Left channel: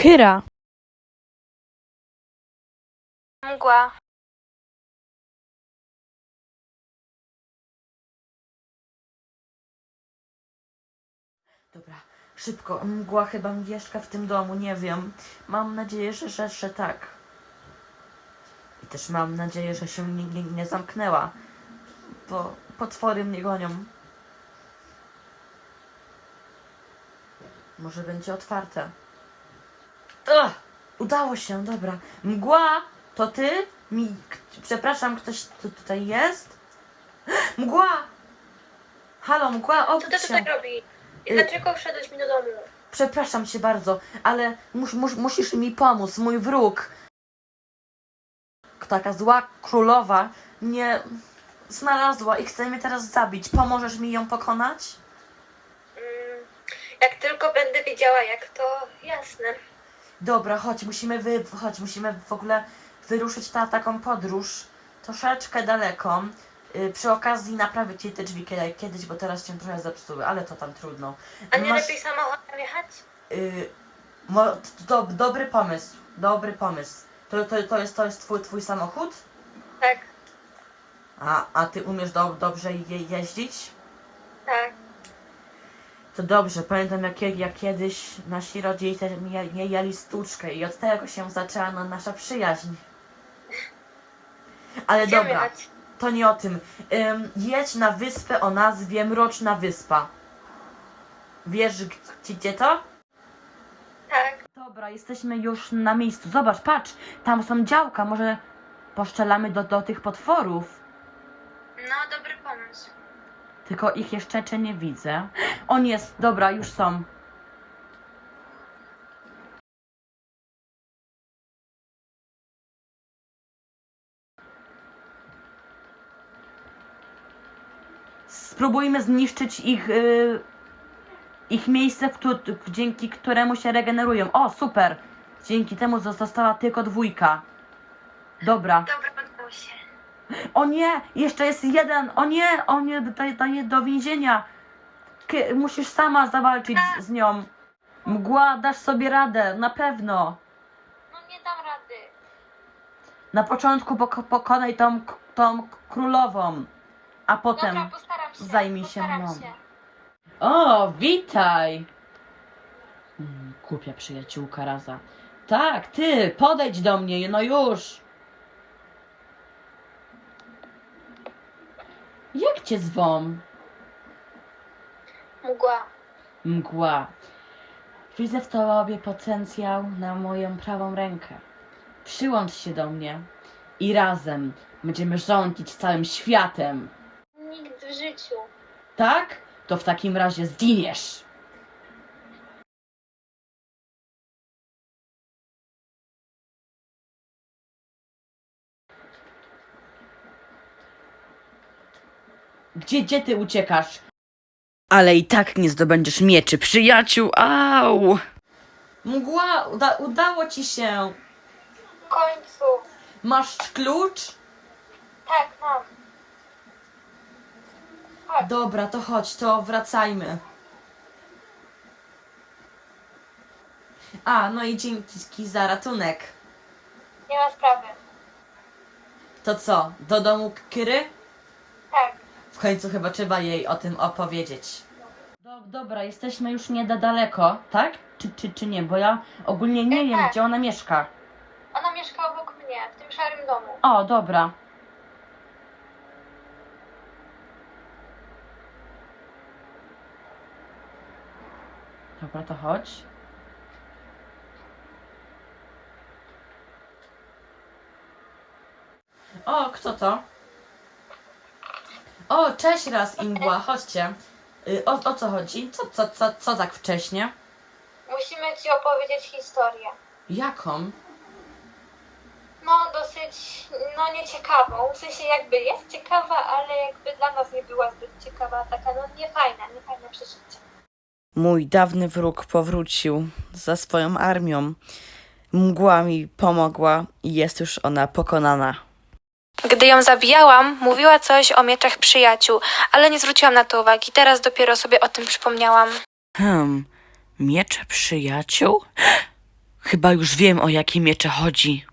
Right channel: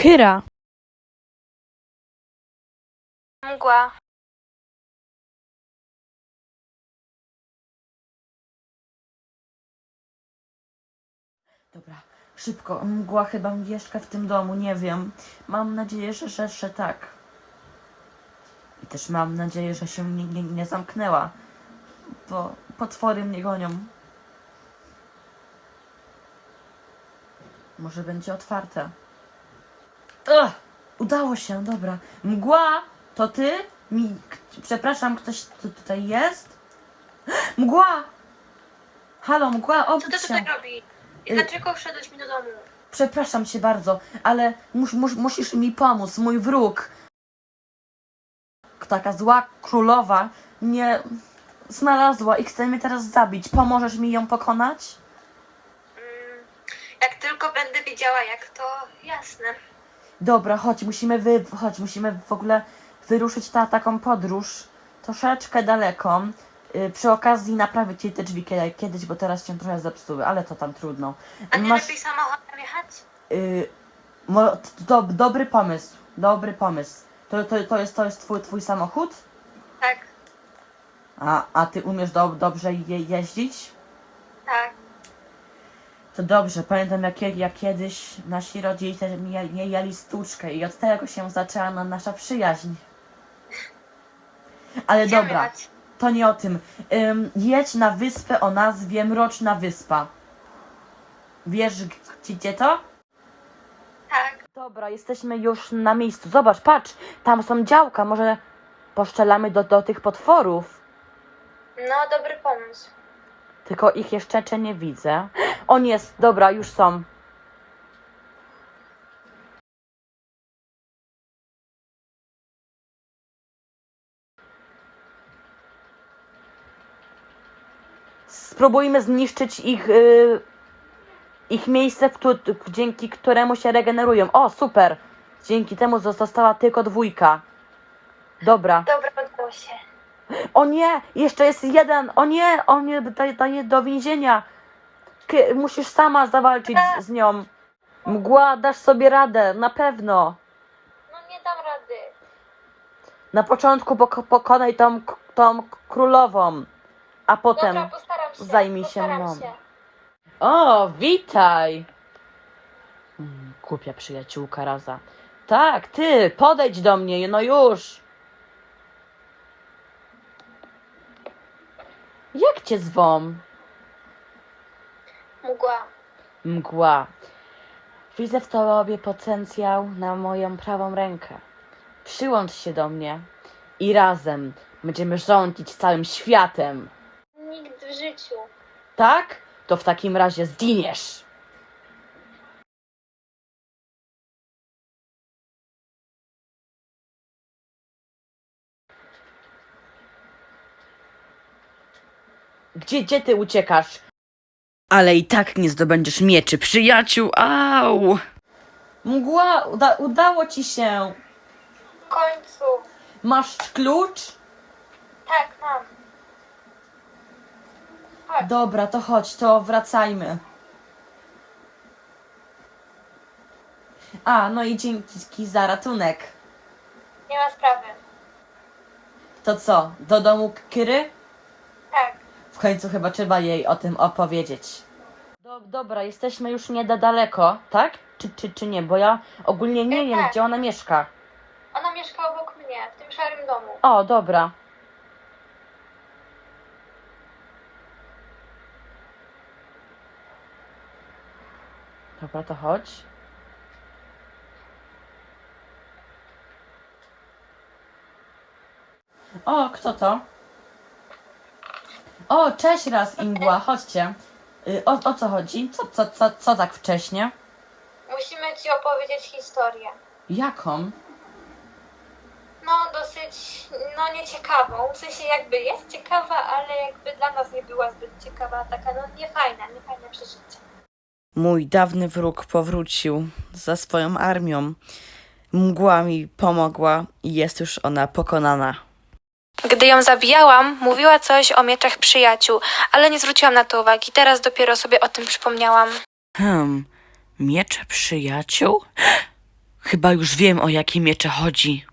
Kyra. Mgła. Dobra, szybko. Mgła chyba mieszka w tym domu, nie wiem. Mam nadzieję, że, że tak. I też mam nadzieję, że się nie, nie, nie zamknęła, bo potwory mnie gonią. Może będzie otwarte. Ugh, udało się, dobra. Mgła, to ty? Mi, przepraszam, ktoś tu, tutaj jest? Mgła! Halo, mgła, Co obudź ty się. tutaj robisz? I Y- dlaczego wszedłeś mi do domu? Przepraszam cię bardzo, ale mus, mus, musisz mi pomóc. Mój wróg, taka zła królowa, mnie znalazła i chce mnie teraz zabić. Pomożesz mi ją pokonać? Mm, jak tylko będę wiedziała jak, to jasne. Dobra, chodź, musimy wy, chodź, musimy w ogóle wyruszyć na taką podróż troszeczkę daleko. Y, przy okazji naprawić jej te drzwi kiedy- kiedyś, bo teraz się trochę zepsuły, ale to tam trudno. A nie lepiej samochodem jechać? Y, mo, do, dobry pomysł, dobry pomysł. To, to, to, jest, to jest twój, twój samochód? Tak, A, a ty umiesz do, dobrze je, jeździć? To dobrze, pamiętam jak, jak kiedyś nasi rodzice je, jeli stłuczkę i od tego się zaczęła na nasza przyjaźń. Ale dobra, to nie o tym. Ym, jedź na wyspę o nazwie Mroczna Wyspa. Wiesz gdzie, gdzie to? Tak. Dobra, jesteśmy już na miejscu. Zobacz, patrz, tam są działka, może poszczelamy do, do tych potworów. No, dobry pomysł. Tylko ich jeszcze czy nie widzę. On jest, dobra, już są. Spróbujmy zniszczyć ich, y, ich miejsce, w któ- dzięki któremu się regenerują. O, super! Dzięki temu została tylko dwójka. Dobra. Dobra, się. O nie, jeszcze jest jeden. O nie, o nie, daje, daje do więzienia. Ty musisz sama zawalczyć z, z nią. Mgła, dasz sobie radę, na pewno. No nie dam rady. Na początku poko pokonaj tą, k- tą królową, a potem postaram się. zajmij się postaram mną. się. O, witaj! Mm, Głupia przyjaciółka Raza. Tak, ty, podejdź do mnie, no już. Jak cię zwą? Mgła. Mgła. Widzę w tobie potencjał na moją prawą rękę. Przyłącz się do mnie i razem będziemy rządzić całym światem. Nigdy w życiu. Tak? To w takim razie zginiesz. Gdzie, gdzie ty uciekasz? Ale i tak nie zdobędziesz mieczy, przyjaciół, au! Mgła, uda, udało ci się. W końcu. Masz klucz? Tak, tak. Dobra, to chodź, to wracajmy. A, no i dzięki za ratunek. Nie ma sprawy. To co, do domu Kiry? W końcu chyba trzeba jej o tym opowiedzieć. Do, dobra, jesteśmy już nie da daleko, tak? Czy, czy, czy nie? Bo ja ogólnie nie wiem, gdzie ona mieszka. Ona mieszka obok mnie, w domu. O, dobra. Dobra, to chodź. O, kto to? O, cześć raz, Ingła, chodźcie. Y, O, o co chodzi? Co, co, co, co tak wcześnie? Musimy ci opowiedzieć historię. Jaką? No, dosyć, no nieciekawą. W sensie jakby jest ciekawa, ale jakby dla nas nie była zbyt ciekawa. Taka no niefajna, niefajne przeżycie. Mój dawny wróg powrócił za swoją armią. Mgła mi pomogła i jest już ona pokonana. Gdy ją zabijałam, mówiła coś o mieczach przyjaciół, ale nie zwróciłam na to uwagi. Teraz dopiero sobie o tym przypomniałam. Hmm, miecze przyjaciół? Chyba już wiem, o jakie miecze chodzi.